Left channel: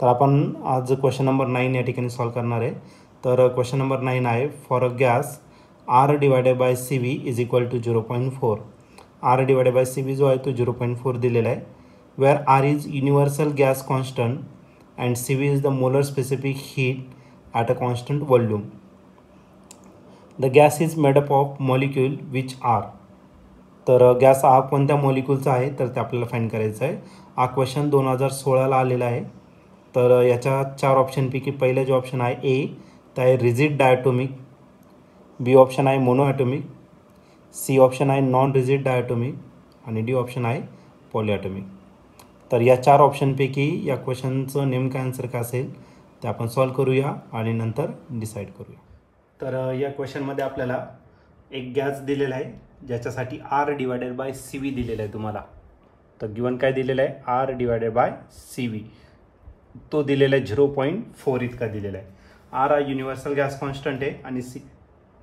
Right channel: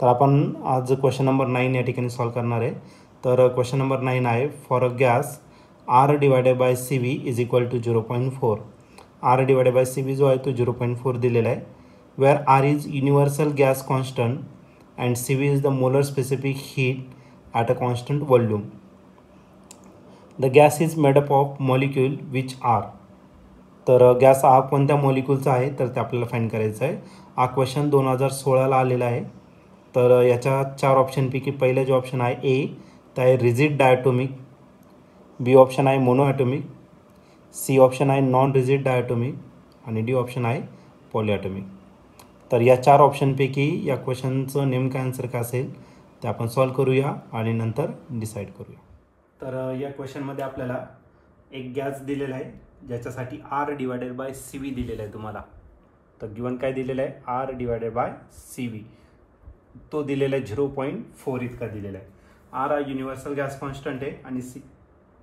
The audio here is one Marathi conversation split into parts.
तर आपण आज क्वेश्चन नंबर 9 या ठिकाणी सॉल्व करणार आहे. तर क्वेश्चन नंबर 9 आहे, for a gas R divided by CV is equal to 0.4. R divided by CV जो आहे तो 0.4 दिलेला आहे. Where R is universal gas constant and CV is the molar specific heat at a constant volume. The gas is made up of molecule which are. तर गॅस हा कोणत्या मॉलिक्यूलचा आहे तर ते आपल्याला फाइंड करायचं आहे. हा क्वेश्चन 2016ला आलेला आहे. तर याच्या 4 ऑप्शनपैकी पहिले जो ऑप्शन आहे ए तर आहे रिजिड डायटोमिक, बी ऑप्शन आहे मोनो ॲटोमिक, सी ऑप्शन आहे नॉन रिजिड डायटोमिक आणि डी ऑप्शन आहे पॉलिॲटोमिक. तर या 4 ऑप्शनपैकी या क्वेश्चनचं नेमकं आन्सर काय असेल ते आपण सॉल्व करूया आणि नंतर डिसाईड करूया. तर या क्वेश्चनमध्ये आपल्याला एक गॅस दिलेला आहे ज्याच्यासाठी R डिवायडेड बाय CV दिलेला आहे तुम्हाला. तर गिवन काय दिलेलं आहे R डिवायडेड बाय CV तो दिलेला आहे 0.4 इतका दिलेला आहे. R हा युनिव्हर्सल गॅस कॉन्स्टंट आहे आणि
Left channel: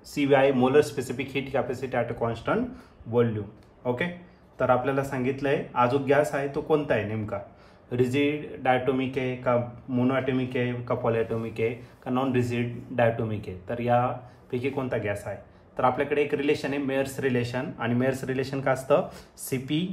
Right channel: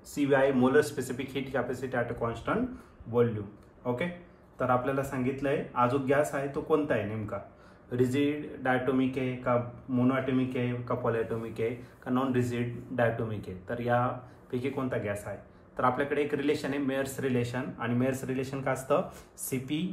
CV आहे molar specific heat capacity at a constant volume. Okay, तर आपल्याला सांगितलं आहे हा जो गॅस आहे तो कोणता आहे नेमका, रिजिड डायटोमिक आहे का मोनोॲटोमिक आहे का पॉलिॲटोमिक आहे का नॉन रिजिड डायटोमिक आहे. तर यापैकी कोणता गॅस आहे. तर आपल्याकडे एक रिलेशन आहे मेयर्स रिलेशन आणि मेयर्स रिलेशन काय असतं CP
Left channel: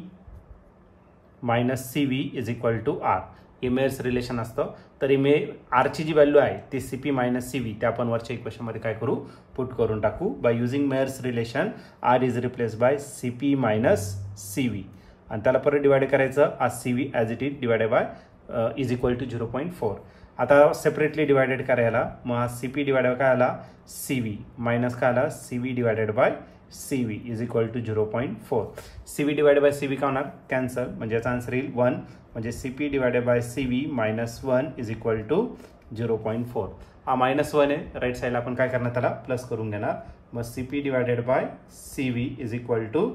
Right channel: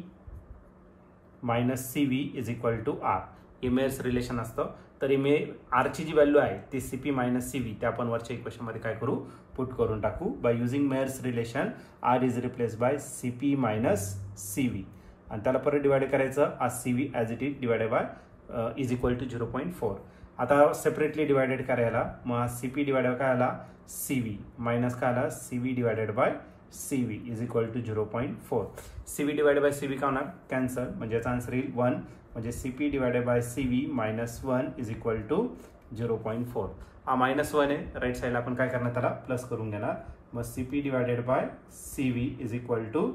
minus CV is equal to R. हे मेयर्स रिलेशन असतं. तर हे आरची जी व्हॅल्यू आहे ती CP मायनस CV ते आपण वरच्या इक्वेशनमध्ये काय करू पुट करून टाकू. By using Mayer's relation R is replace by CP minus CV आणि त्याला परत डिवाइड करायचं आज CV as it is divided by is equal to 0.4. आता सेपरेटली डिवायडेड करायला मग CP डिवायडेड काय आला CV मायनस काय आला CV divided by CV is equal to 0.4. CV divided by CV काय होणार कॅन्सल म्हणजे याचा आन्सर येईल 1 म्हणजे CP divided by CV minus 1 is equal to 0.4. हा मायनस 1 आहे राईट साईडला आपण काय करणार त्याला प्लस करून घेणार. मग CP divided by CV is equal to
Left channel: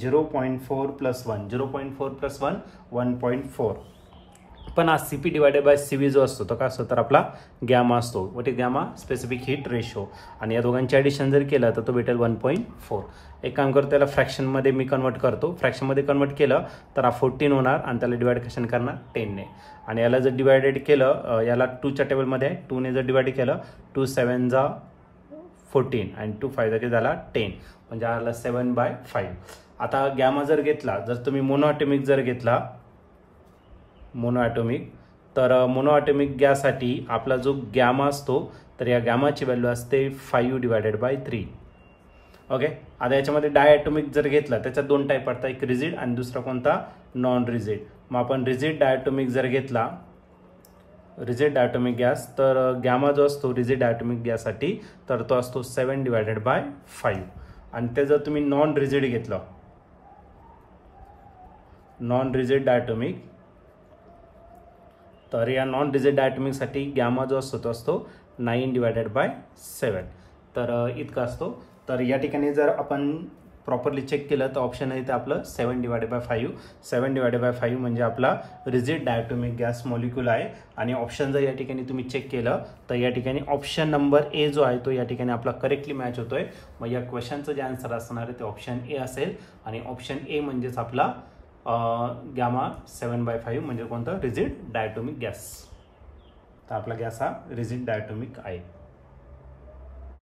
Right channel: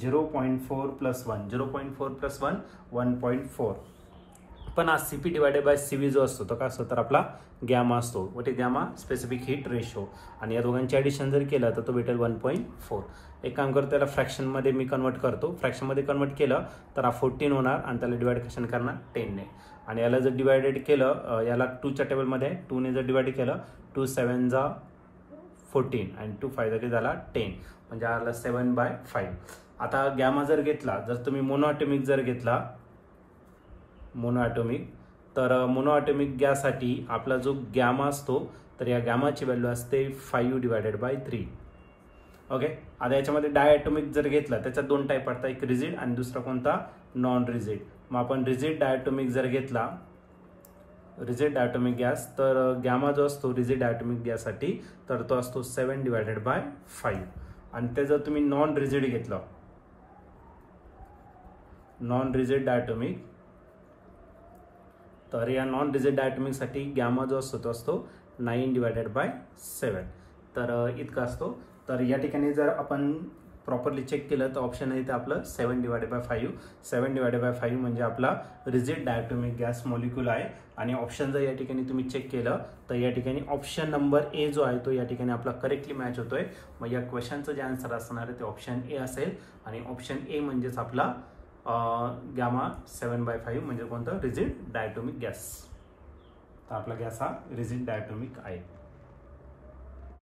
0.4 plus 1 0.4 plus 1 1.4. पण हा CP डिवायडेड बाय CV जो असतो तो काय असतो तर आपला गॅमा असतो. What is gamma specific heat ratio आणि या दोघांचे ॲडिशन जर केलं तर तो भेटेल 1.4. एक काम करतो त्याला फ्रॅक्शनमध्ये मी कन्वर्ट करतो. फ्रॅक्शनमध्ये कन्वर्ट केलं तर हा 14 होणार आणि त्याला डिवाइड कशाने करणार 10ने आणि याला जर डिवायडेड केलं याला 2च्या टेबलमध्ये 2ने जर डिवाइड केलं 2 7 जा 14 आणि 2 5 तरी झाला 10 म्हणजे आला 7/5. आता गॅमा जर घेतला जर तुम्ही मोनोॲटोमिक जर घेतला मोनोॲटोमिक तर मोनोॲटोमिक गॅससाठी आपला जो गॅमा असतो तर या गॅमाची व्हॅल्यू असते 5 डिवायडेड बाय 3. ओके, आता याच्यामध्ये डायॲटोमिक जर घेतला त्याच्यात 2 टाईप पडतात, एक रिजिड आणि दुसरा कोणता नॉन रिजिड. मग आपण रिजिड डायॲटोमिक जर घेतला रिजिड डायॲटोमिक गॅस तर गॅमा जो असतो रिजिड डायॲटोमिक गॅससाठी तर तो असतो 7 डिवायडेड बाय 5 आणि ते जर तुम्ही नॉन रिजिड घेतलं नॉन रिजिड डायॲटोमिक तर या नॉन रिजिड डायॲटोमिकसाठी गॅमा जो असतो तो असतो 9 डिवायडेड बाय 7 तर इतका असतो. तर या ठिकाणी जर आपण प्रॉपरली चेक केलं तर ऑप्शन आहे ते आपलं 7 डिवायडेड बाय 5. 7 डिवायडेड बाय 5 म्हणजे आपला रिजिड डायॲटोमिक गॅस मॉलिक्यूल आहे आणि ऑप्शन जर या ठिकाणी तुम्ही चेक केलं तर या ठिकाणी ऑप्शन नंबर ए जो आहे तो या ठिकाणी आपला करेक्टली मॅच होतोय. मग या क्वेश्चनचं जे आन्सर असणार आहे ते ऑप्शन ए असेल आणि ऑप्शन ए म्हणजेच आपला गॅमा 7/5 म्हणजे कोणतं रिजिड डायॲटोमिक गॅस. तर आपला गॅस हा रिजिड डायॲटोमिक आहे.